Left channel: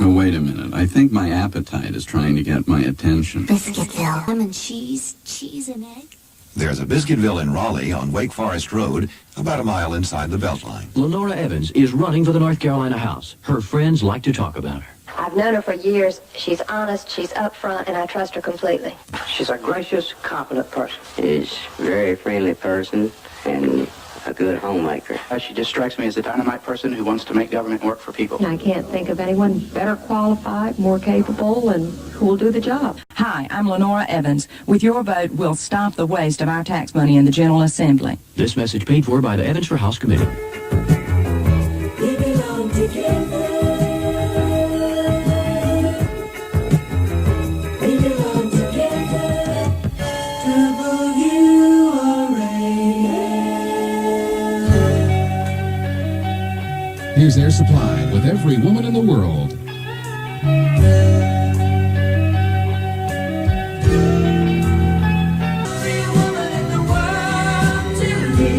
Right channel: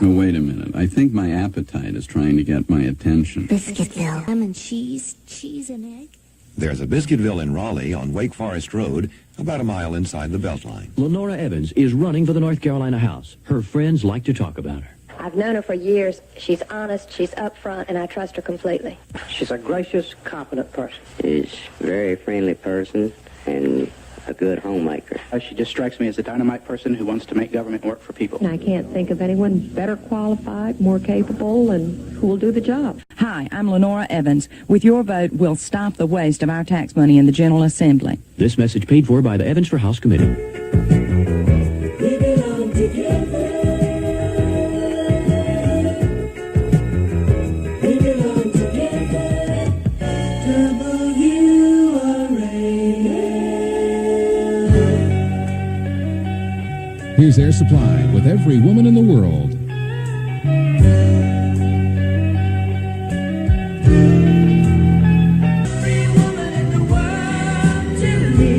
No, wait a minute. I think my appetite is trying to get my attention. Biscuitville. Lemon cheese and egg. There's a Biscuitville in Raleigh on Wake Forest Road, about a mile inside the Beltline. Lenora Evans is running for the North Carolina House. Her friends like to talk about her. I've known her for years. She's honest, she's upfront, and I trust her completely. She's a gracious, competent person. She's a very friendly person and a good homemaker. She just strikes me as a dynamite person who wants to make government work for people. I can't think of anyone better qualified, more capable, and who will do the job. Hi, I'm Lenora Evans. With your vote, we'll stop the waste of our tax money in the General Assembly. This message paid for by the Evans for House Committee. Here's Air Supply with every woman in the world. Every woman in the world to me.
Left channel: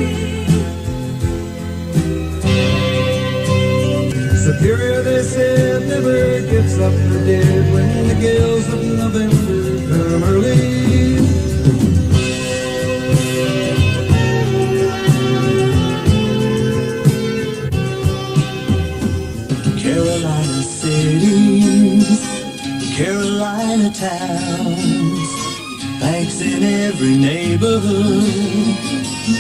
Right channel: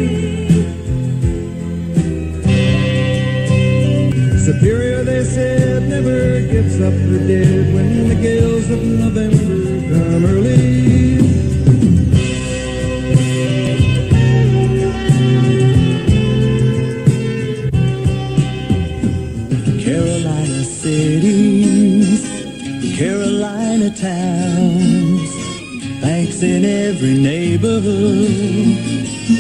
Superior, they said, never gets up for dead when the gales of November come early. Carolina cities, Carolina towns, banks in every neighborhood,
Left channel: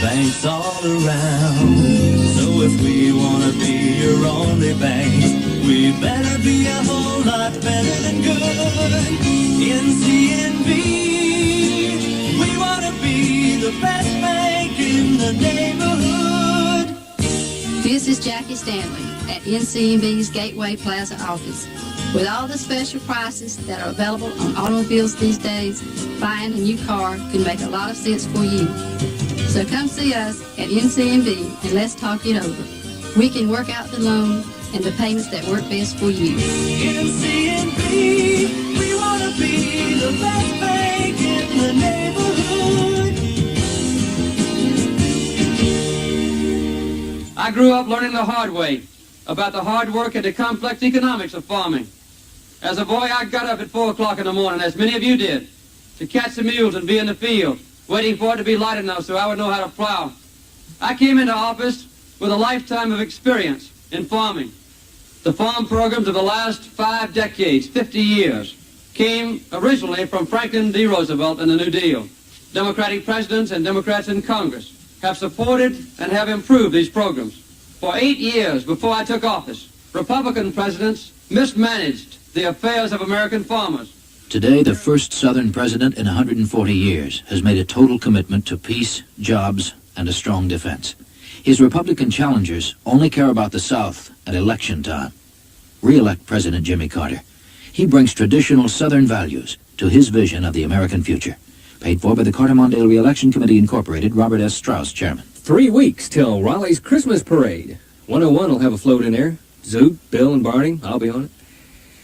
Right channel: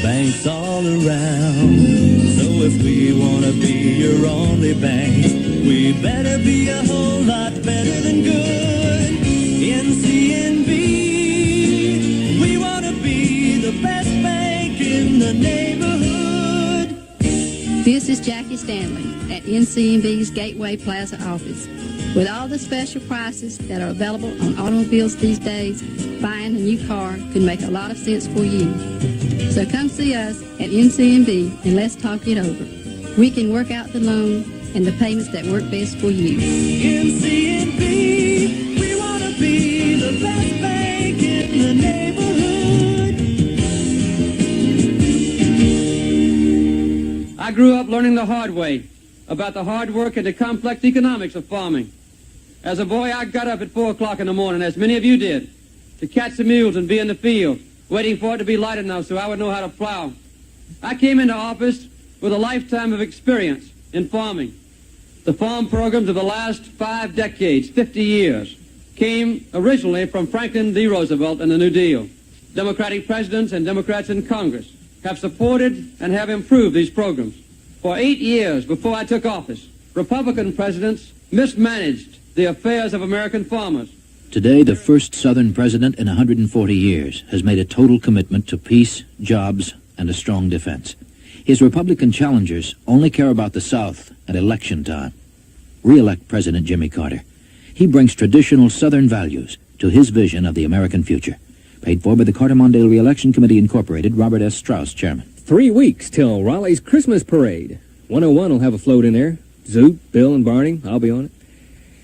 banks all around. So if we want to be your only bank, we better be a whole lot better than good. NCNB, we want to be the best bank in the neighborhood. This is Jackie Stanley at NCNB's Gateway Plaza office. With all the special prices that are available on automobiles these days, buying a new car can make a lot of sense for you. So come see us at NCNB and let's talk it over. We can work out the loan and the payments that work best for you. NCNB, we want to be the best bank in the neighborhood. I grew up learning the hard way about the hard work and the complex economics of farming. As a boy, I got up at 4 o'clock in the morning, as many of you did, to catch the mules and be in the field, waiting for it to be light enough so I would know how to plow. I came into office with a lifetime of experience in farming. The farm programs of the last 5 decades, 50 years, came originally from Franklin D. Roosevelt and the New Deal. Democratic presidents and Democrats in Congress have supported and have improved these programs. For 8 years before I took office, Republican presidents mismanaged the affairs of American farmers. Today, the first Southern president in 140 years has made a total commitment to peace, jobs, and a strong defense. His Republican challengers only care about the South at election time. Re-elect President Jimmy Carter. He brings traditional Southern values to his vision of the American future. Paid for by the Carter-Mondale Re-Election Committee, Incorporated, Robert S. Strauss, Chairman. 3 weeks till Raleigh's Christmas Parade. 101 will have a float in there. Zoot, Bill, and Barney, I'll be on it.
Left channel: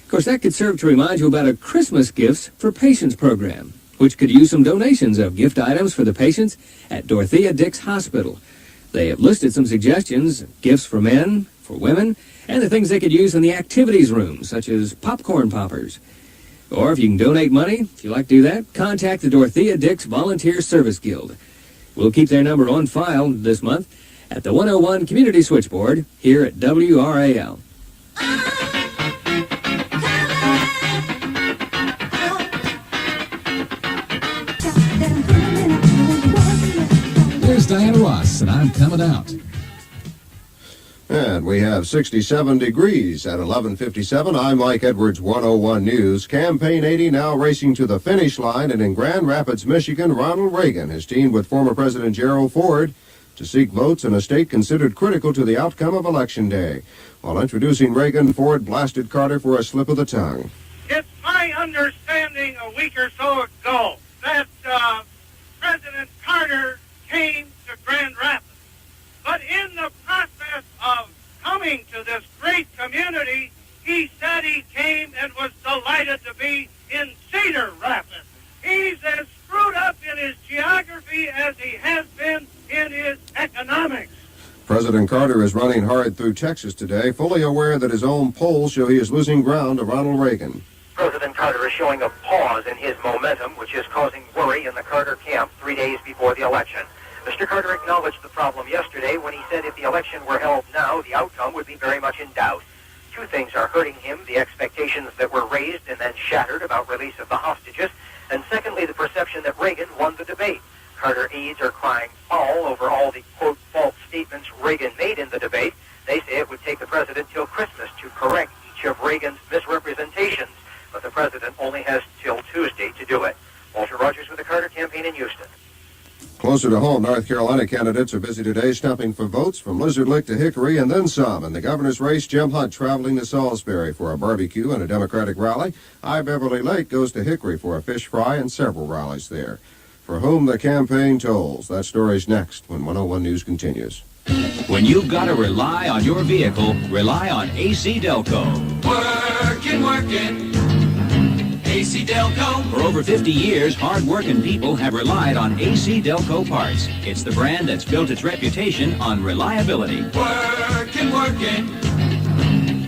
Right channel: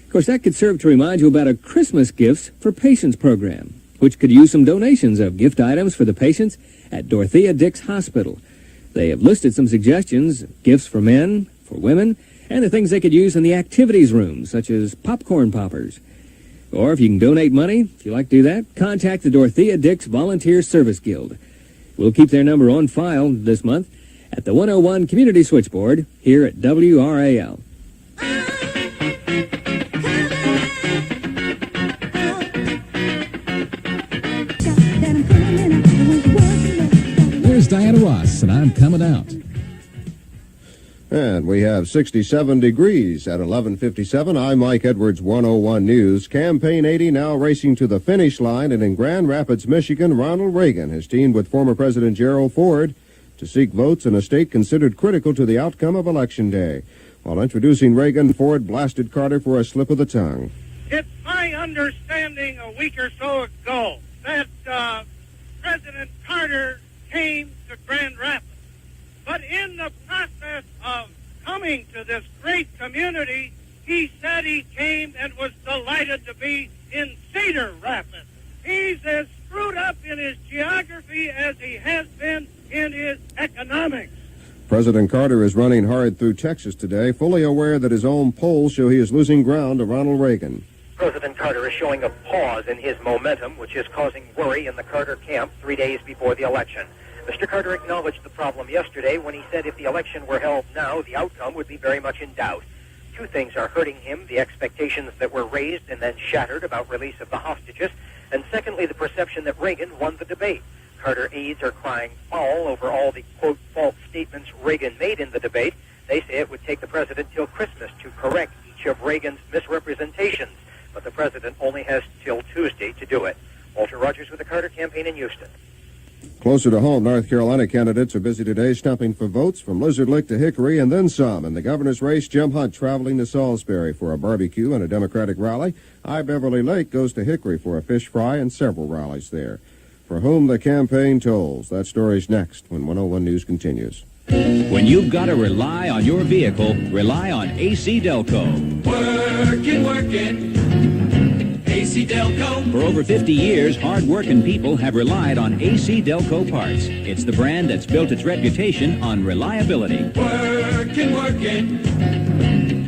Of course, that could serve to remind you about a Christmas Gifts for Patients program, which could use some donations of gift items for the patients at Dorothea Dix Hospital. They have listed some suggestions, gifts for men, for women, and the things they could use in the activities room, such as popcorn poppers. Or if you can donate money, if you like to do that, contact the Dorothea Dix Volunteer Service Guild. We'll keep their number on file this month at the 101 Community Switchboard here at WRAL. Here's Diana Ross, and I'm coming out. And we have 67 degrees at 11:57. I'm Mike Edwards, 101 News. Campaign 80 now racing to the finish line, and in Grand Rapids, Michigan, Ronald Reagan has teamed with former President Gerald Ford to seek votes in a state considered critical to the outcome of Election Day. While introducing Reagan, Ford blasted Carter for a slip of the tongue. It's my understanding a week or so ago that President Carter came to Grand Rapids. But in the process of coming to this great community, he said he came and was delighted to be in Cedar Rapids. He's as screwed up in his geography as he has been in his economics. President Carter is running hard through Texas today, fully aware that his own polls show he is losing ground to Ronald Reagan. President Carter is showing a pause in his momentum, which is causing worry in the Carter camp 3 days before the election. Mr. Carter acknowledged the problem yesterday when he said if the election were held now, the outcome would be very much in doubt. Two things are hurting him, the expectations that were raised and then shattered about release of the hostages, and secondly, the perception that Reagan won the debate. Carter aides are crying foul over all the, quote, false statements Reagan made in the debate. They say it would take the president till Christmas to correct each of Reagan's misrepresentations, but the president only has till Tuesday to do it. Walter Rogers with the Carter campaign in Houston. Closer to home, North Carolina candidates are busy today stumping for votes from Lizard Lick to Hickory and then some. In the governor's race, Jim Hunt traveling to Salisbury for a barbecue and a Democratic rally. I. Beverly Lake goes to Hickory for a fish fry and several rallies there. For whom the campaign tolls. That story's next when 101 News continues. When you've got to rely on your vehicle, rely on AC Delco. Working. AC Delco. For over 50 years, hard-working people have relied on AC Delco parts. It's the brand that's built its reputation on reliability. Working.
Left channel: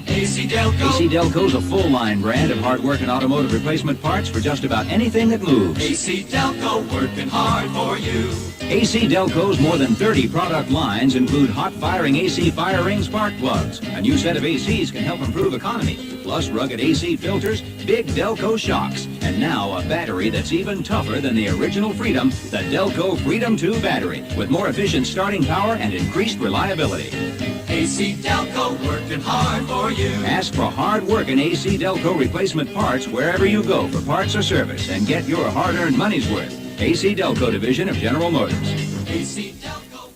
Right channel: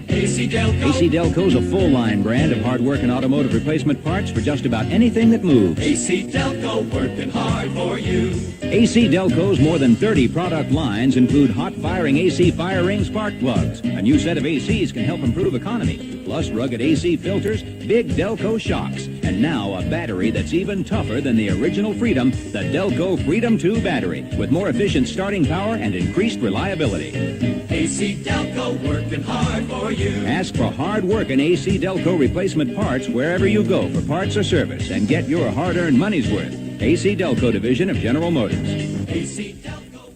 AC Delco. AC Delco's a full-line brand of hard-working automotive replacement parts for just about anything that moves. AC Delco, working hard for you. AC Delco's more than 30 product lines include hot-firing AC fire ring spark plugs. A new set of ACs can help improve economy. Plus rugged AC filters, big Delco shocks, and now a battery that's even tougher than the original Freedom, the Delco Freedom 2 battery, with more efficient starting power and increased reliability. AC Delco, working hard for you. Ask for hard-working AC Delco replacement parts wherever you go for parts or service and get your hard-earned money's worth. AC Delco division of General Motors. AC Delco.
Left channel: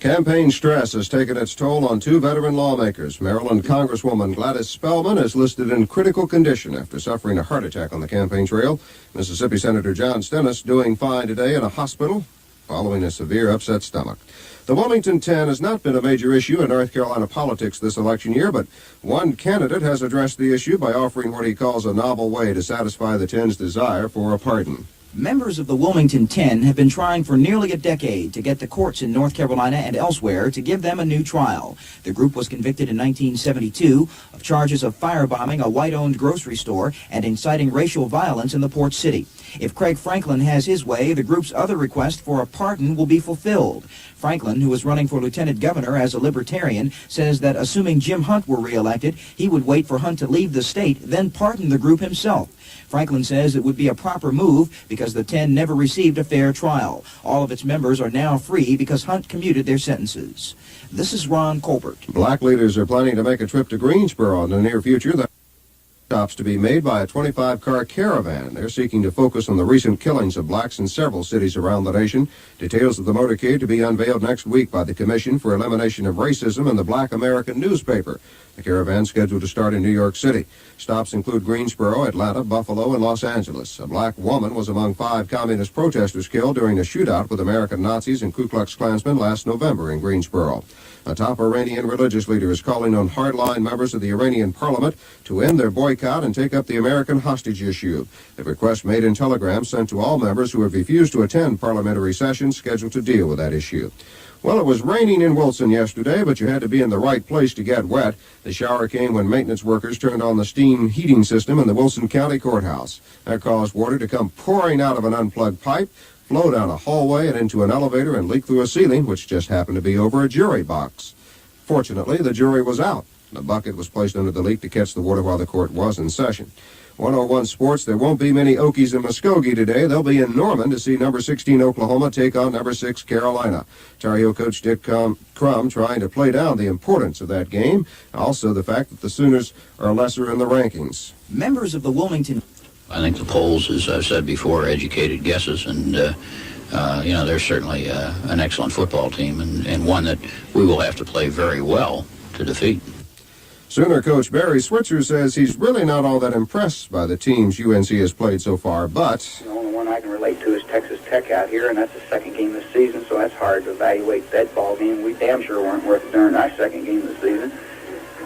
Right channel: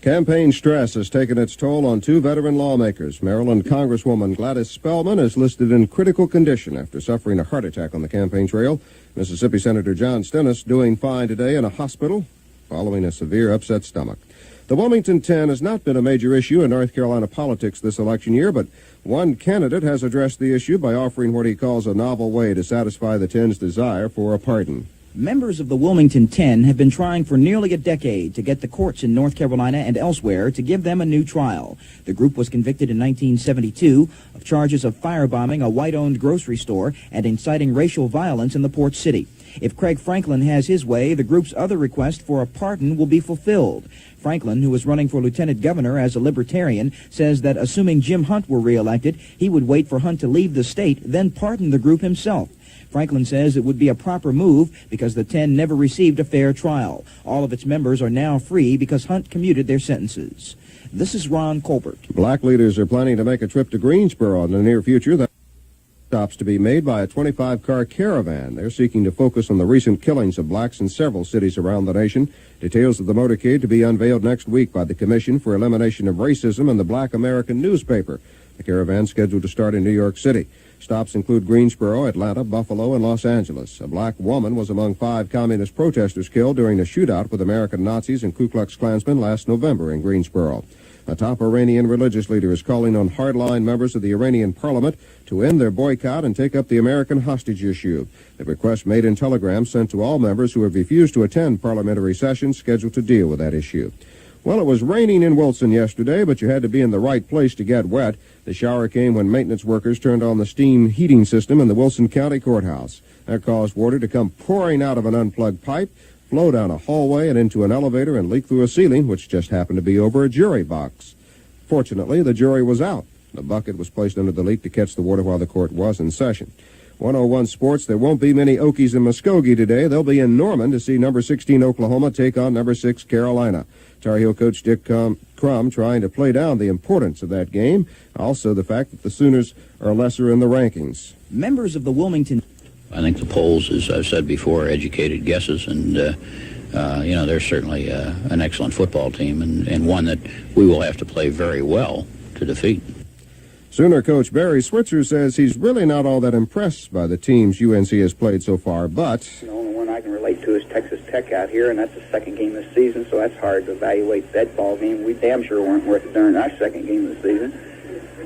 Campaign stress has taken its toll on two veteran lawmakers. Maryland Congresswoman Gladys Spellman is listed in critical condition after suffering a heart attack on the campaign trail. Mississippi Senator John Stennis doing fine today in a hospital following a severe upset stomach. The Wilmington 10 has not been a major issue in North Carolina politics this election year, but one candidate has addressed the issue by offering what he calls a novel way to satisfy the 10's desire for a pardon. Members of the Wilmington 10 have been trying for nearly a decade to get the courts in North Carolina and elsewhere to give them a new trial. The group was convicted in 1972 of charges of firebombing a white-owned grocery store and inciting racial violence in the port city. If Craig Franklin has his way, the group's other request for a pardon will be fulfilled. Franklin, who is running for lieutenant governor as a libertarian, says that assuming Jim Hunt were reelected, he would wait for Hunt to leave the state, then pardon the group himself. Franklin says it would be a proper move because the 10 never received a fair trial. All of its members are now free because Hunt commuted their sentences. This is Ron Colbert. Black leaders are planning to make a trip to Greensboro in the near future. That stops to be made by a 25-car caravan. They're seeking to focus on the recent killings of blacks in several cities around the nation. Details of the motorcade to be unveiled next week by the Commission for Elimination of Racism and the Black American newspaper. The caravan scheduled to start in New York City. Stops include Greensboro, Atlanta, Buffalo, and Los Angeles. A black woman was among 5 communist protesters killed during a shootout with American Nazis and Ku Klux Klansmen last November in Greensboro. A top Iranian religious leader is calling on hardline members of the Iranian parliament to end their boycott and take up the American hostage issue. The request made in telegrams sent to all members who have refused to attend parliamentary sessions scheduled to deal with that issue. Well, it was raining in Wilson yesterday, but you had to be in the right place to get wet. The shower came when maintenance workers turned on the steam heating system in the Wilson County Courthouse. That caused water to come pouring out of an unplugged pipe, flow down a hallway and into an elevator and leak through a ceiling, which just happened to be over a jury box. Fortunately, the jury was out. The bucket was placed under the leak to catch the water while the court was in session. 101 Sports, there won't be many Okies in Muskogee today. They'll be in Norman to see number 16 Oklahoma take on number 6 Carolina. Tar Heel coach Dick Crum trying to play down the importance of that game. Also the fact that the Sooners are lesser in the rankings. Members of the Wilmington... I think the polls, as I've said before, are educated guesses, and they're certainly an excellent football team, and one that we will have to play very well to defeat. Sooner coach Barry Switzer says he's really not all that impressed by the teams UNC has played so far, but... The only one I can relate to is Texas Tech out here, and that's the second game of the season, so that's hard to evaluate that ball game. We damn sure weren't worth it during our second game of the season.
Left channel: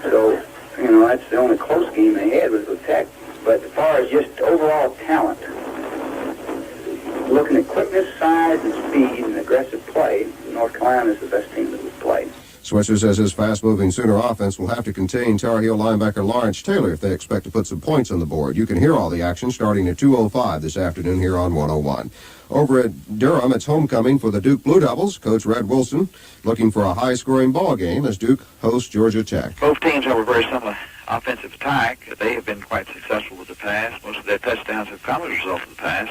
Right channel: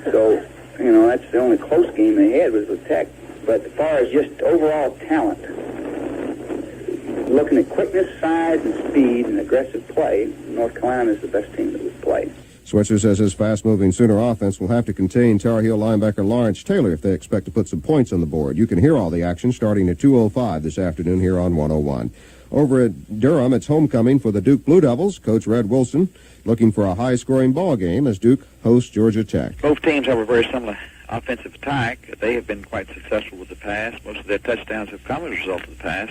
So, that's the only close game they had was with Tech. But as far as just overall talent, looking at quickness, size, and speed, and aggressive play, North Carolina is the best team that we've played. Switzer says his fast-moving Sooner offense will have to contain Tar Heel linebacker Lawrence Taylor if they expect to put some points on the board. You can hear all the action starting at 2:05 this afternoon here on 101. Over at Durham, it's homecoming for the Duke Blue Devils. Coach Red Wilson looking for a high-scoring ball game as Duke hosts Georgia Tech. Both teams have a very similar offensive attack. They have been quite successful with the pass. Most of their touchdowns have come as a result of the pass,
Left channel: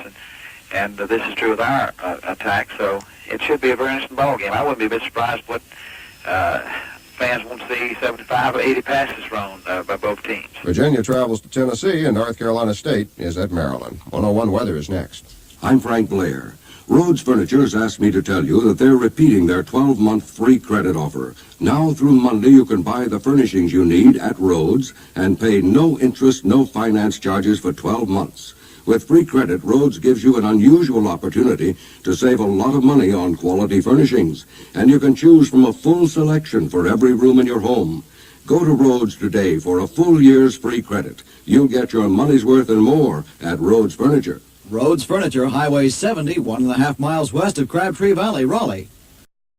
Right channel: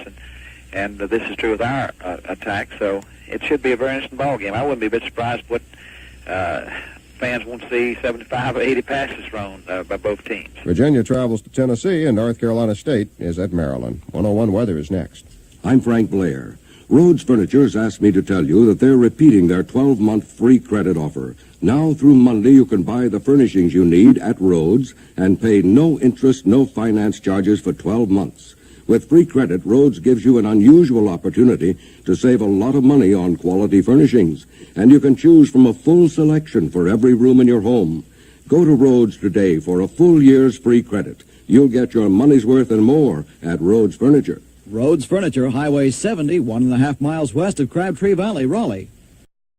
and this is true with our attack, so it should be a very interesting ball game. I wouldn't be a bit surprised what fans won't see 75 or 80 passes thrown by both teams. Virginia travels to Tennessee, and North Carolina State is at Maryland. 101 weather is next. I'm Frank Blair. Rhodes Furniture has asked me to tell you that they're repeating their 12-month free credit offer. Now through Monday, you can buy the furnishings you need at Rhodes and pay no interest, no finance charges for 12 months. With free credit, Rhodes gives you an unusual opportunity to save a lot of money on quality furnishings, and you can choose from a full selection for every room in your home. Go to Rhodes today for a full year's free credit. You'll get your money's worth and more at Rhodes Furniture. Rhodes Furniture, Highway 70, 1.5 miles west of Crabtree Valley, Raleigh.